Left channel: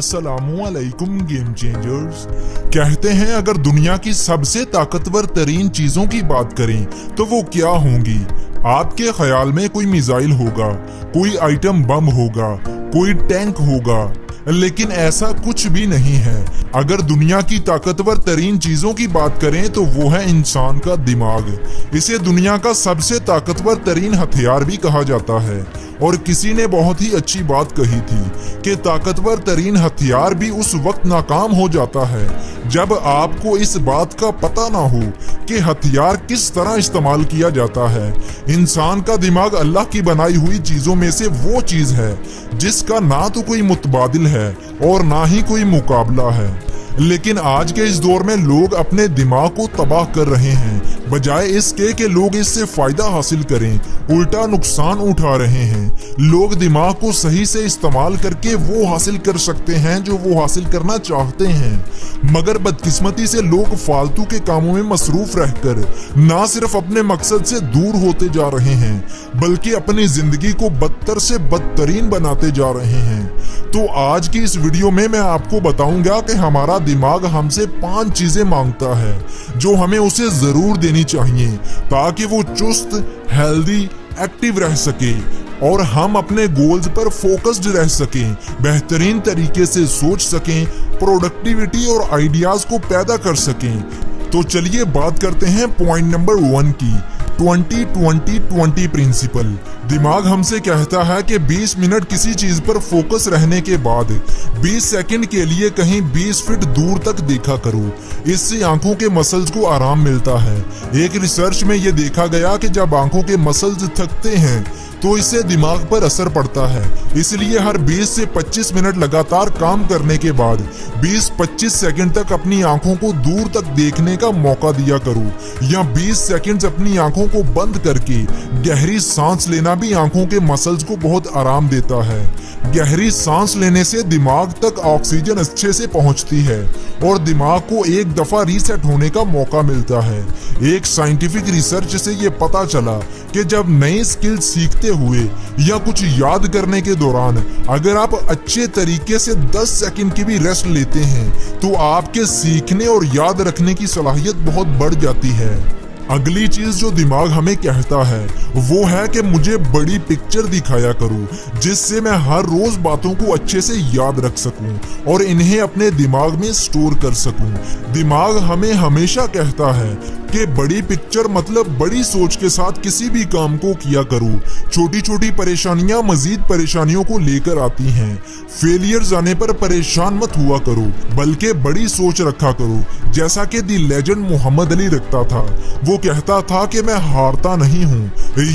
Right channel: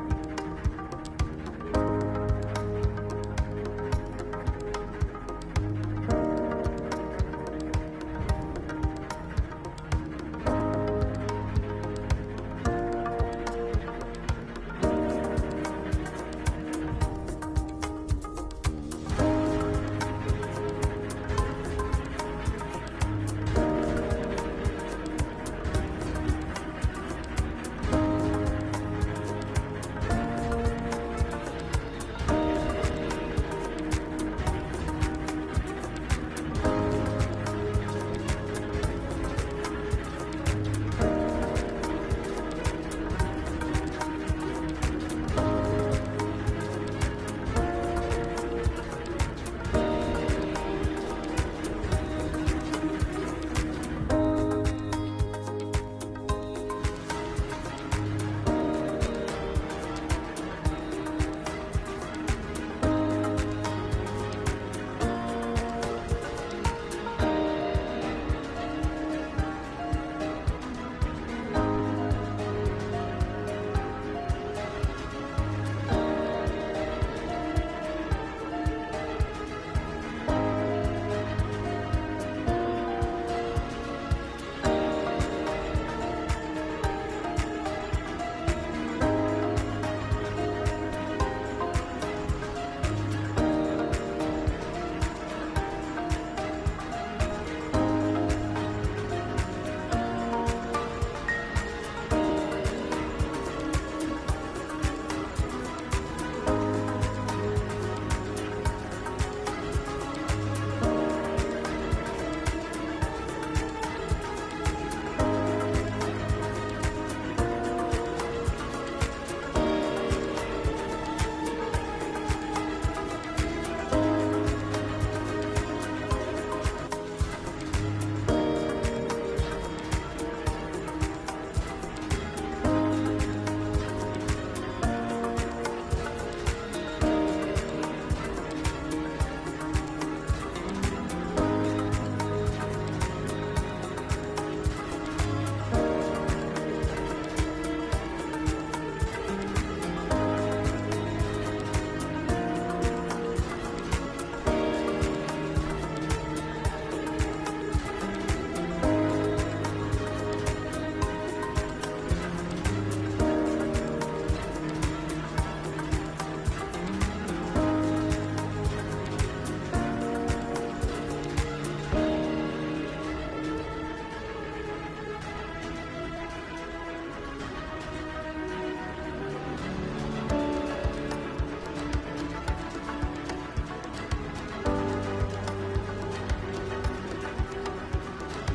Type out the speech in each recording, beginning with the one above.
अस्सलामुअलैकुम game changers. कहते हैं अगर दुनिया की सबसे ताकतवर तरीन चीजों की बात करें तो वो क्या होंगी। आपके ख्याल में कोई मिसाइल होगा, कोई आइटम बम होगा, कोई टैंक होगा, लेकिन ऐसा कुछ भी नहीं है। अगर दुनिया की ताकतवर तरीन चीजों की बात करें तो वो है इंसान का दिमाग। इसे दुनिया का सबसे ताकतवर तरीन हथियार भी कहा जाता है। और किसी ने बहुत ही अच्छी बात कही थी कि ताकतवर तरीन हथियार भी उस वक्त नाकाम हो जाता है जब आपको इस बात का पता ना हो कि हथियार किस तरह इस्तेमाल किया जाता है। इंसान का दिमाग अल्लाह की बनाई हुई चीजों में से वो चीज है जिसका ना तो कोई मुतबादिल है और ना ही कोई मुकाबला है। लेकिन आज के इस दौर में लोग अपने दिमाग को तबाह कर रहे हैं, बजाय इसके कि लोग इससे फायदा हासिल करें, उल्टा नुकसान उठा रहे हैं। लोग दिमाग को सही से इस्तेमाल करके वो हासिल कर सकते हैं जो वो हासिल करना चाहते हैं, मगर बदकिस्मती से लोग फालतू के कामों में मसरूफ रहकर ना सिर्फ अपने मकसद से दूर होते जा रहे हैं बल्कि अपनी जिंदगी को बदतर से बदतरीन बनाते जा रहे हैं। तो आज की इस वीडियो में मैं आपको बताऊंगा कि हमारा दिमाग हमसे 5 चीजें मांगता है जो हमें उसे जरूर देनी चाहिए ताकि वो चुस्त, हेल्दी, एक्टिव रह सके और हम अपने गोल्स पर फोकस्ड रह सकें, बेहतरीन तरीके से सोच सकें, प्रोडक्टिविटी और आइडियाज को पैदा कर सकें। तो चलिए बात करते हैं पॉइंट नंबर 1 की, 20-20-20 प्रिंसिपल। दिमाग हमसे कहता है कि 20 मिनट किसी चीज पर फोकस रहने के बाद 20 सेकंड के लिए कहीं 20 फीट दूर तक देखा करो। इससे आंखों के मसल्स को आराम मिलता है। एक रिसर्च में ये देखा गया कि जब आंखों के मसल्स थकते हैं तो इससे दिमाग पर असर पड़ता है। इसलिए हर 20 से 25 मिनट लगातार काम करने के बाद 20-25 सेकंड तक अपनी आंखों को दूर तक देखने का मौका दिया करो, या 20 सेकंड्स अपनी आंखों को बंद करके गहरी सांस लेना भी आंखों के मसल्स को बहुत आराम देता है। गहरी सांस लेने से दिमाग तक ऑक्सीजन अच्छे से पहुंचती है और दिमाग को एक दफा रीसेट होने का मौका मिलता है। एक साइंटिफिक रिसर्च से ये पता चला कि जब नई स्किल सीखते हुए या कुछ याद करने के दौरान अगर आप अच्छे तरीके से 10 सेकंड की भी रेस्ट लेते हैं तो आपके सीखने और याद रखने की सलाहियत बहुत बढ़ जाती है। अगली चीज जो दिमाग हमें कहता है वो है कि मुझे बड़ी पिक्चर दिखाया करो जिससे मैं हर रोज बातों को अच्छे से याद रख सकूं और इन्हें अपने दिमाग में स्टोर कर सकूं। दिमाग हमें हमेशा कहता है कि बड़ी पिक्चर मतलब बड़ी सोच के साथ किसी भी काम को किया करो। छोटी छोटी परेशानियां मजीद परेशानियों को लेकर आती हैं। फेलियर्स आने पर परेशान मत हुआ करो बल्कि बड़ी सोच रखा करो, जैसा कि दी लेजेंड मोहम्मद अली रखता था। वो कहता था कि मैं हारता नहीं हूँ,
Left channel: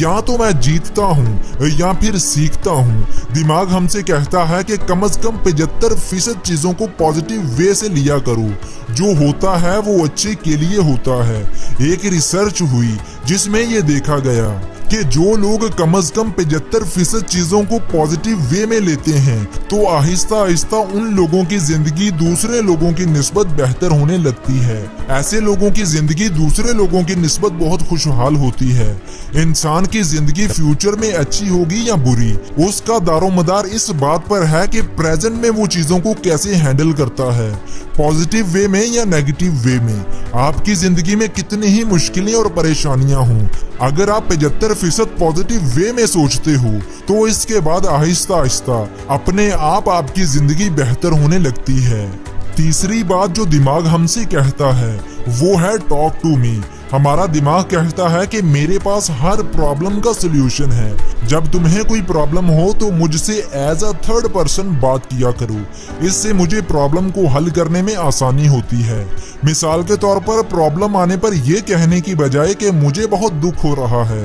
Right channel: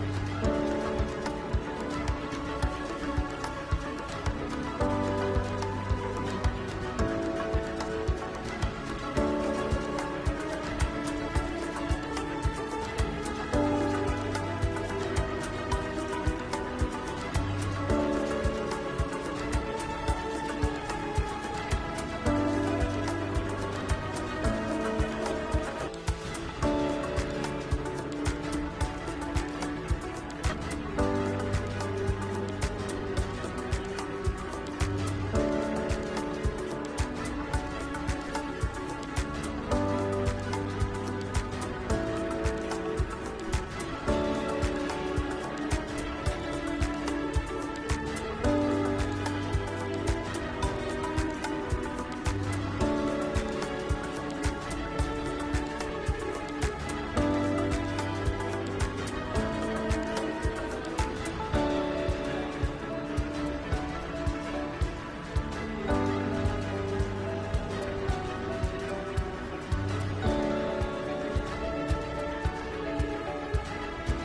या तो मैं जीतता हूँ या फिर सीखता हूँ। दिमाग हमसे कहता है कि कम से कम 75% चीजों को पॉजिटिव वे से लिया करो। जो होता है वो अच्छे के लिए होता है। एक रिसर्च हुई जिसमें ये देखा गया कि जो लोग कम से कम 75% चीजों को पॉजिटिव वे में लेते हैं तो आहिस्ता आहिस्ता उन लोगों की जिंदगी दूसरे लोगों की निस्बत बेहतर होने लगती है। ऐसे लोगों की जिंदगी दूसरे लोगों की निस्बत बहुत खुशहाल होती है। इंसान की जिंदगी फ्यूचर में अच्छी होगी या बुरी, उसका दारोमदार इस बात पर है कि प्रेजेंट में वो चीजों को कैसे हैंडल करता है, पॉजिटिव वे में या नेगेटिव वे में। आपकी जिंदगी में कितनी ही मुश्किलें और परेशानियां हों, अगर आप 75% पॉजिटिव वे में सोचते हो तो इसके बाद आहिस्ता आहिस्ता अपने आप आपकी जिंदगी बेहतर होने लगती है। तीसरी बात जो दिमाग हमसे कहता है वो है टॉक टू मी। हमारा दिमाग कहता है कि मेरे पास हर प्रॉब्लम का सलूशन है। जब तुम्हें कोई प्रॉब्लम हो तो मुझसे एज अ थर्ड पर्सन बात किया करो, इससे मुझे प्रॉब्लम को हल करने में आसानी होती है। मिसाल के तौर पर प्रॉब्लम आने पर यह कहने की बजाय कि मुझे बहुत दुख हो रहा है,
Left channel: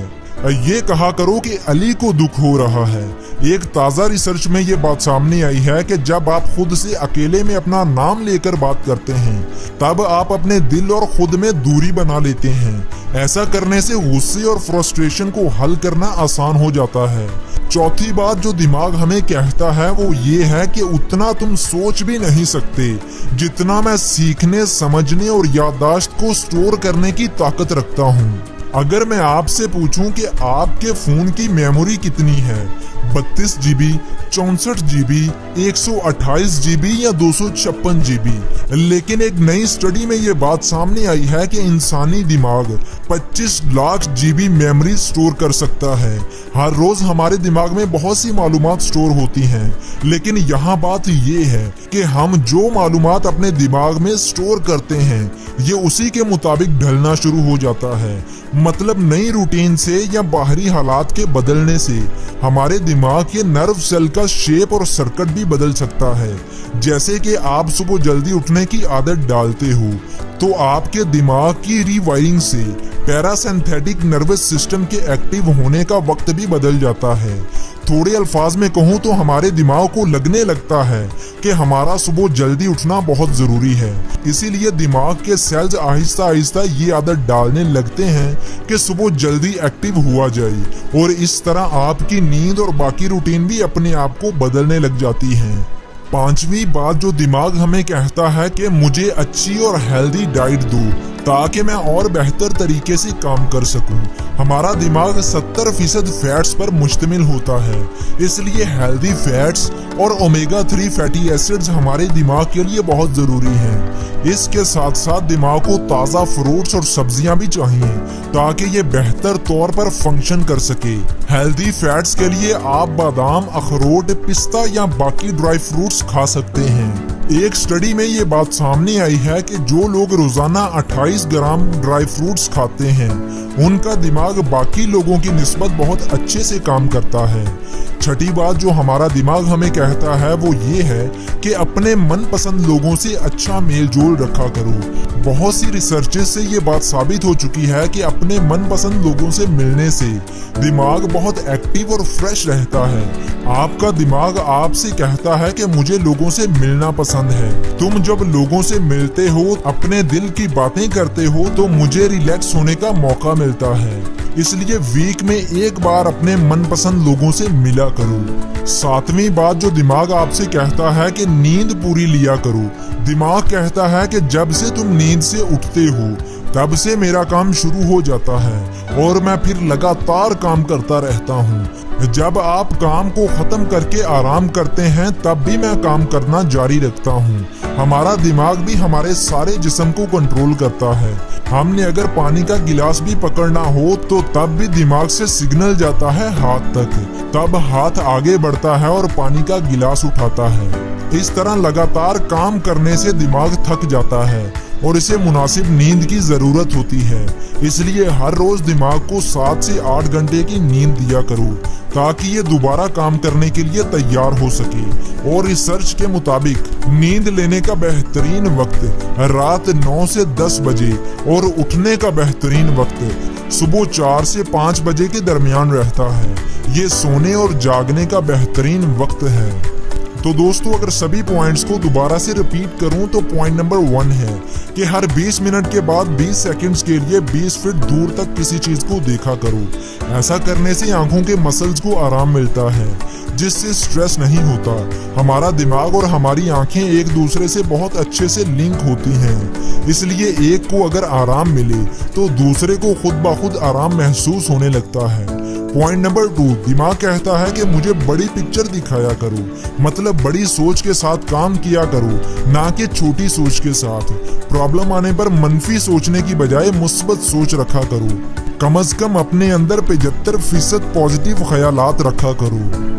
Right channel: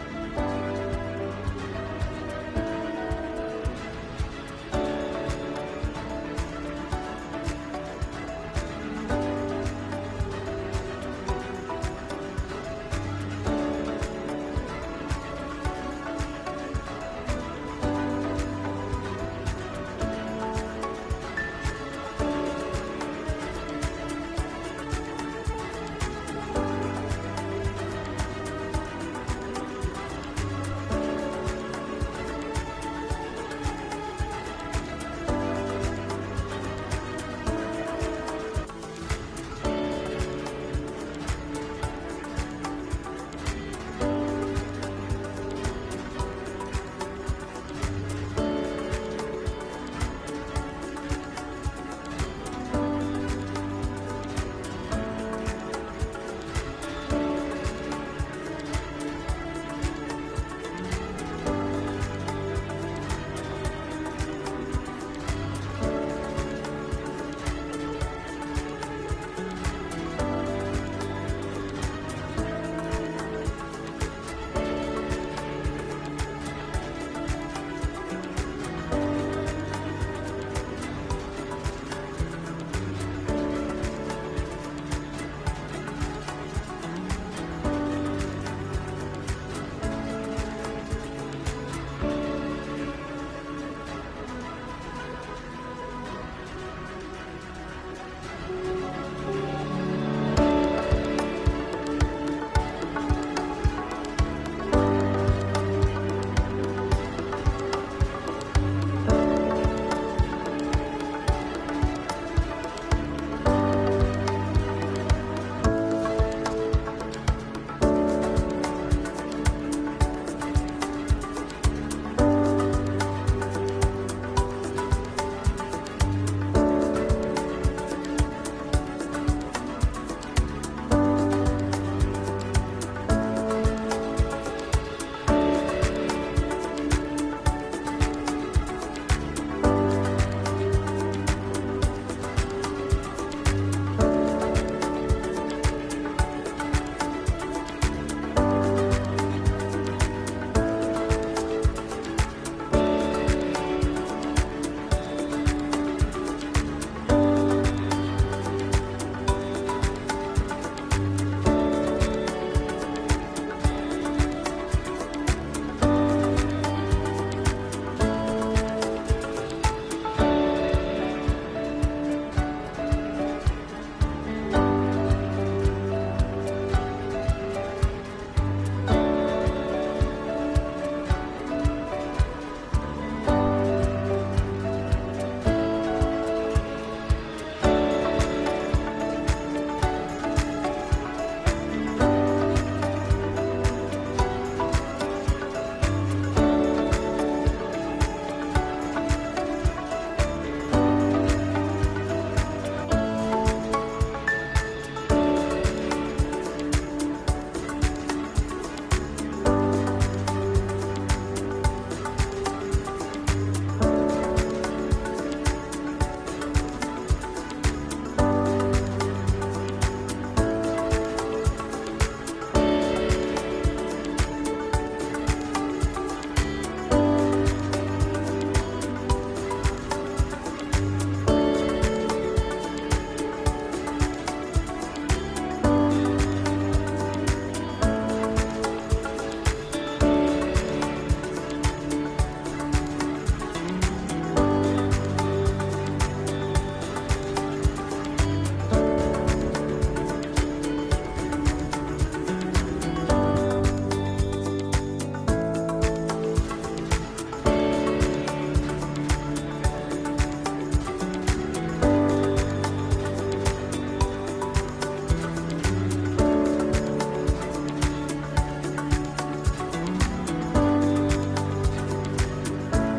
ये कहा करो कि अली को दुख हो रहा है। एक ताज़ा रिसर्च में ये बात सामने आई है कि जब आप खुद से अकेले में अपना नाम लेकर बात करते हैं तब आप अपने दिल और खुद में दूरी बना लेते हैं। ऐसा करने से गुस्से और फ्रस्ट्रेशन को हल करना आसान हो जाता है। चौथी बात जो दिमाग हमें कहता है वो ये है कि उतना तुम सोच भी नहीं सकते जितना मैं सीखने, समझने और याददाश्त को स्टोर करने की ताकत रखता हूँ। अगर मैं आपसे पूछूं कि आपके फोन की मेमोरी कितनी है 32 GB, 64 GB, 128 GB या 256 GB। लेकिन एक नई स्टडी में ये बात सामने आई है कि इंसानी दिमाग 25 लाख GB मेमोरी स्टोर कर सकता है। हर रोज हमारे दिमाग में बहुत सी मालूमात स्टोर होती हैं, लेकिन यहाँ बात ये है कि हम जो मालूमात अपने दिमाग में स्टोर करते हैं ये उसी के मुताबिक ढलना शुरू हो जाता है। मतलब नई रूटीन से या बाहरी हालात के बदलने से हमारे दिमाग के नर्व सेल का शेप और सर्किट भी बदल सकता है। जैसे कि आप सुबह जल्दी उठने की आदत डालते हो तो आपके दिमाग की रीवायरिंग से पैरासिम्पैथिक नर्वस सिस्टम के एक्टिव होने का वक्त भी बदल जाता है। थोड़े अल्फाज में कहूँ तो हमारे दिमाग को लगने लगता है कि हमारा सुबह जल्दी उठना बहुत जरूरी है। इसीलिए दिमाग के सेल्स आहिस्ता आहिस्ता ये आदत डालने लगते हैं कि सुबह जल्दी एक्टिव हुआ जाए, और इस तरह आपकी नींद और बाकी रूटीन भी अपने आप को बदलने लग जाती है। पांचवी बात जो दिमाग हमें कहता है कि मुझे अच्छी और हेल्दी डाइट दो ताकि मैं और बेहतर तरीके से काम कर सकूं। हमारा दिमाग 70% फैट्स पर मुश्तमिल होता है, इसलिए हेल्दी फैट्स और ओमेगा 3 फैटी एसिड्स हमारे दिमाग के लिए बहुत जरूरी है। इसके साथ साथ दिमाग को ताज़ा फ्रूट्स और सब्जियां भी चाहिए ताकि ये बेहतर तौर पर फंक्शन कर सके। हेल्दी फैट्स के लिए आप बादाम, अखरोट, पिस्ता या बाकी ड्राई फ्रूट्स खा सकते हैं। एक स्टडी में ये बात सामने आई है कि जो लोग रोजाना 28 ग्राम ड्राई फ्रूट्स खाते हैं उनका दिमाग बाकी लोगों की निस्बत बहुत अच्छे से काम करता है। छठी बात जो हमारा दिमाग हमें कहता है वो ये है कि अपने मनपसंद लोगों से अच्छा मेल जोल रखा करो। बहुत सी रिसर्चेस से ये बात साबित हो चुकी है कि अपने मनपसंद लोगों से मिलने से दिमाग बहुत एक्टिव और फ्रेश रहता है। आपका दिमाग आपसे कहता है कि मुझे लोगों से मिलना पसंद है। तुम जब लोगों से मिलते हो, अपने दिल की बातें करते हो तो मुझे रिलैक्स होने का मौका मिलता है। इसलिए वीक में एक बार अपने मनपसंद लोगों से मिला करो। सातवीं बात जो दिमाग आपसे कहता है कि नींद पूरी लिया करो। दिमाग कहता है कि जब से तुम नींद से उठते हो तब से मेरा काम शुरू हो जाता है और मैं फिर लगातार काम करता रहता हूँ। जब आप काम को खत्म करके आराम करते हैं तब भी मैं काम करना जारी रखता हूँ। हमारा दिमाग भी हमारे सारे जिस्म को कंट्रोल करता है। हमने अगर पानी का गिलास भी पकड़ना हो तो तब भी दिमाग से सिग्नल जाता है हाथ तक, तब हाथ आगे बढ़ता है और पानी का गिलास उठाता है। इस तरह लगातार काम करने से दिमाग थक जाता है और इसे मुनासिब नींद की जरूरत होती है। इसलिए हर रोज दिमाग को 7 से 8 घंटे की नींद दिया करो ताकि ये दोबारा काम करने के लिए तैयार हो सके। और रिसर्च के मुताबिक नींद लेने का बेहतरीन वक्त रात 9 से 10 बजे और उठने का बेहतरीन वक्त सुबह 4 से 5 बजे के दरमियान रहता है। ये सोने और जागने का बेहतरीन वक्त है। तो दोस्तों अगर सभी पॉइंट्स को दोबारा से रिपीट करूं तो पॉइंट नंबर 1 है कि हर 20 मिनट के बाद 20 सेकंड्स के लिए 20 फीट दूर तक किसी चीज को देखा करो। ऐसा करने से आंखों के मसल्स को आराम मिलता है जिससे स्ट्रेस नहीं होता। हमारा दिमाग और हमारी आंखें एक दूसरे से बहुत अच्छे से लिंक होती हैं, इसलिए एक को अगर आराम मिले तो दूसरे को खुद ब खुद आराम महसूस होने लगता है। पॉइंट नंबर 2, दिमाग कहता है कि मुझे बड़ी पिक्चर दिखाया करो, मतलब बड़ी सोच के साथ काम किया करो, ना कि छोटी सोच के साथ। प्रॉब्लम आने पर मनफी सोचने की बजाय मुस्बत सोच रखा करो। कम से कम अपने अंदर 75% पॉजिटिव ख्यालात रखा करो।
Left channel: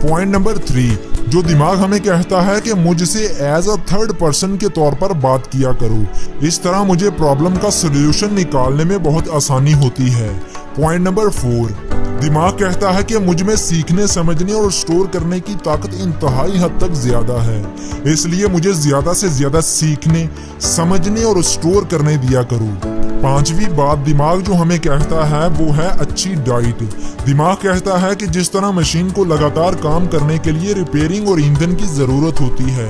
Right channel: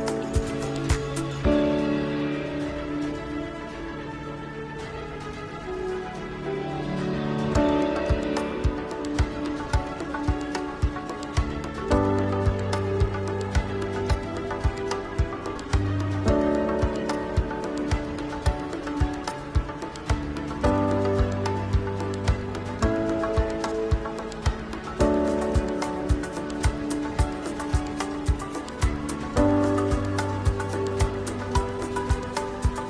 पॉइंट नंबर 3, जो दिमाग हमें कहता है कि मुझसे एज अ थर्ड पर्सन के तौर पर बात किया करो। इस तरह मुझे प्रॉब्लम का सोल्यूशन निकालने में बहुत आसानी होती है। पॉइंट नंबर 4, दिमाग कहता है कि मुझ में सीखने, समझने और स्टोर करने की ताकत इंतहाई हद तक ज्यादा है, इसलिए मुझे ज्यादा से ज्यादा सीखने, समझने और स्टोर करने दिया करो। 5वीं बात दिमाग जो हमें कहता है वो है अच्छी डाइट। दिमाग कहता है कि जिस तरह मशीन को लगातार काम करने के लिए रिपेयरिंग और ईंधन की जरूरत होती है,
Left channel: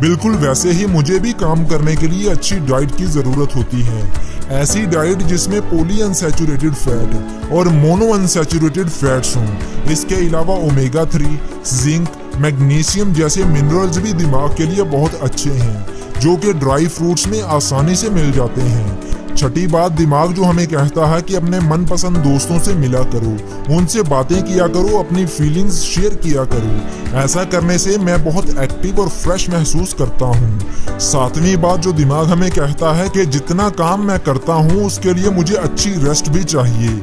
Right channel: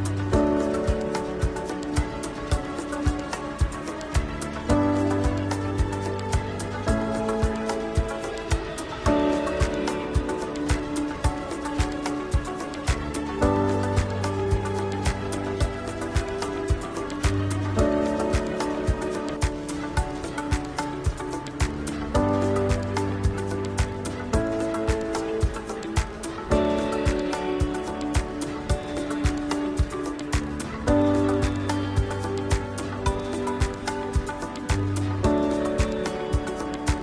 बिल्कुल वैसे ही मुझे भी काम करने के लिए अच्छी डाइट की जरूरत होती है। ऐसी डाइट जिसमें पॉली अनसैचुरेटेड फैट और मोनो अनसैचुरेटेड फैट्स हों। इसके अलावा ओमेगा 3, जिंक, मैग्नीशियम जैसे मिनरल्स भी दिमाग के लिए बहुत अच्छे हैं जो कि ड्राई फ्रूट्स में आसानी से मिल जाते हैं। छठी बात, दिमाग जो हमें कहता है कि अपने मनपसंद दोस्तों से मिला करो, उनसे बातें किया करो, अपनी फीलिंग्स शेयर किया करो। ऐसा करने से मैं बहुत एक्टिव और फ्रेश महसूस करता हूँ। सातवीं बात जो दिमाग हमें कहता है कि जितना काम मैं करता हूँ उसके लिए मुझे अच्छी रेस्ट भी चाहिए।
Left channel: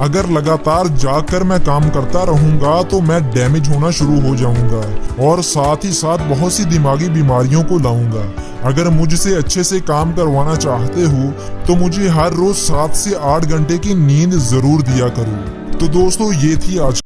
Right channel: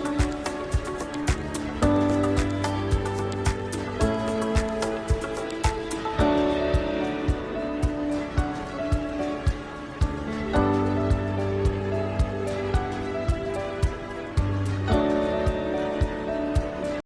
अगर लगातार जागकर मैं काम करता रहूंगा तो मैं डैमेज होना शुरू हो जाऊंगा और साथ ही साथ बहुत सी दिमागी बीमारियों को लाऊंगा। अगर मुझसे अच्छे से काम करवाना चाहते हो तो मुझे हर रोज 7 से 8 घंटे की नींद जरूर दिया करो। तो दोस्तों, ये थी आज